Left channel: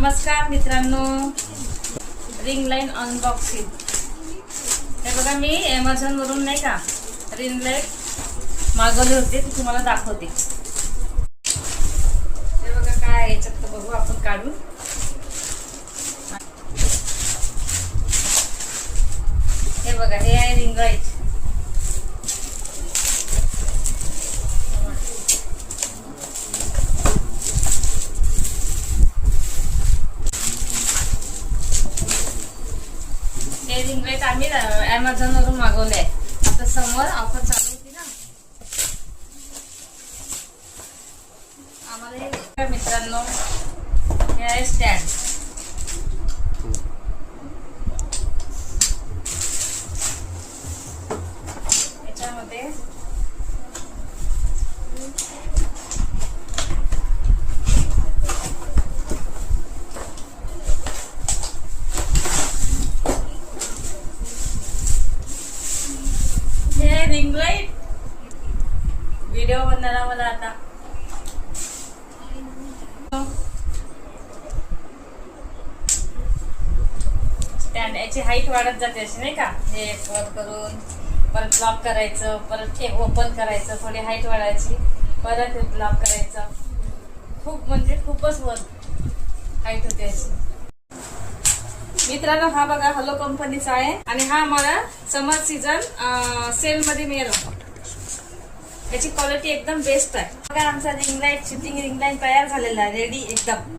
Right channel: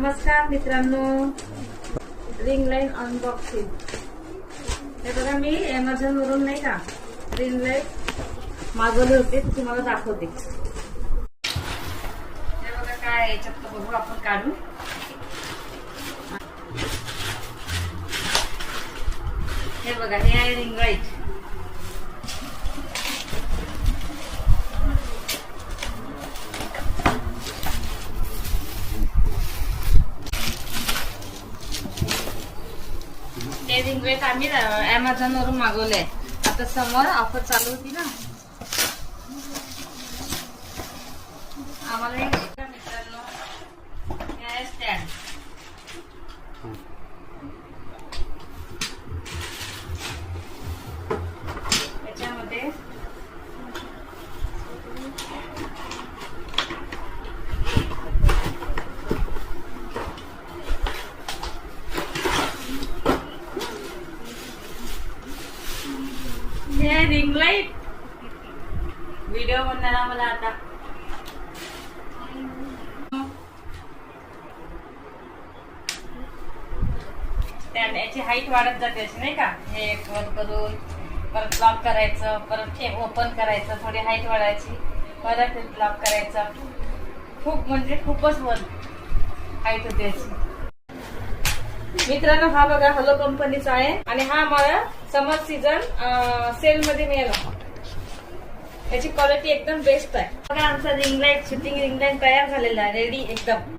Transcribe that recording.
नमस्कार मित्रांनो, ring light unboxing. हे बघा, मी Amazon वरून नाही का रिंग लाईट मागवले होते, ते तुम्हाला दाखवते. हे बघा काय आहे याच्यात, तर बघू आपण काढू. हे बघा, हे आहे रिंग लाईट. हे रिंग लाईट आम्ही Amazon वरून मागवले आहे. आता समोर ऑफर चालू होती ना, आम्हाला हे मित्रांनो, हे आहे स्टँड. याच्यामध्ये हे रिंग लाईट व्हिडिओ बनवायला मला आता स्टँड. याची हाईट वाढत जाते अशी नाही का. हे एक वर करून परत लॉक करायचं, परत हे ओपन करायचं, थोडी हाईट वाढायची, परत लॉक करायचं. खूप म्हणजे खूपच वर हाईट होते अशी. मित्रांनो, हा बघा हॅलो कंपनीचा आहे आणि हा मला समर सीझन सेल मध्ये मिळाला. याची क्वालिटी एकदम बेस्ट आहे. बघा, आमचा ring light, shooting ring light तयार झालेला आहे, रेडी एकदम.